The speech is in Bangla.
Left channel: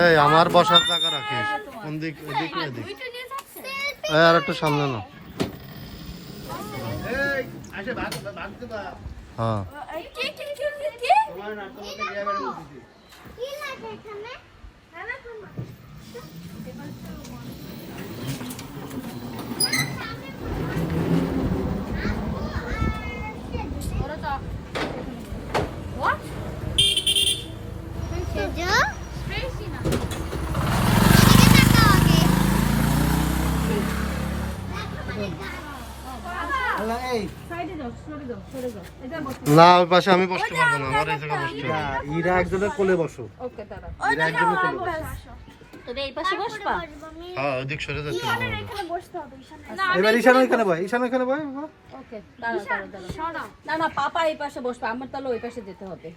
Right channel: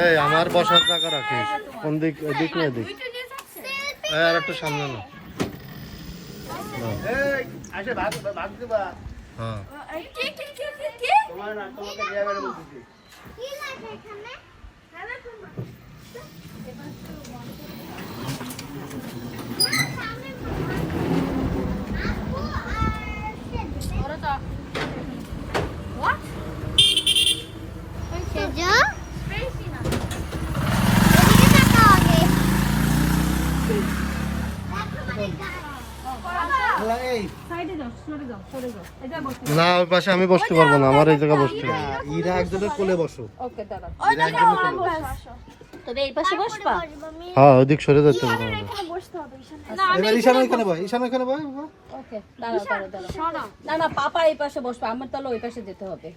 এই আমার বসার জায়গা রাখিস কোন দিক, এদিক না এদিক। আর একটু সামনে না। হ্যাঁ না, ওই পাশে আমি বসতে পারবো না, আমার এই জায়গায় বসতে হবে। ইরা একজনের কোলে বসো। ইরা একজনের কোলে বসো। হ্যাঁ ওদিক সরে যেতে হবে আমাদের। এবার ঈশান ওইখানে বয়, ঈশান ওইখানে বয়। না না পাপা এই পাশে বসবে, আমার তাহলে ওই পাশে যেতে হবে।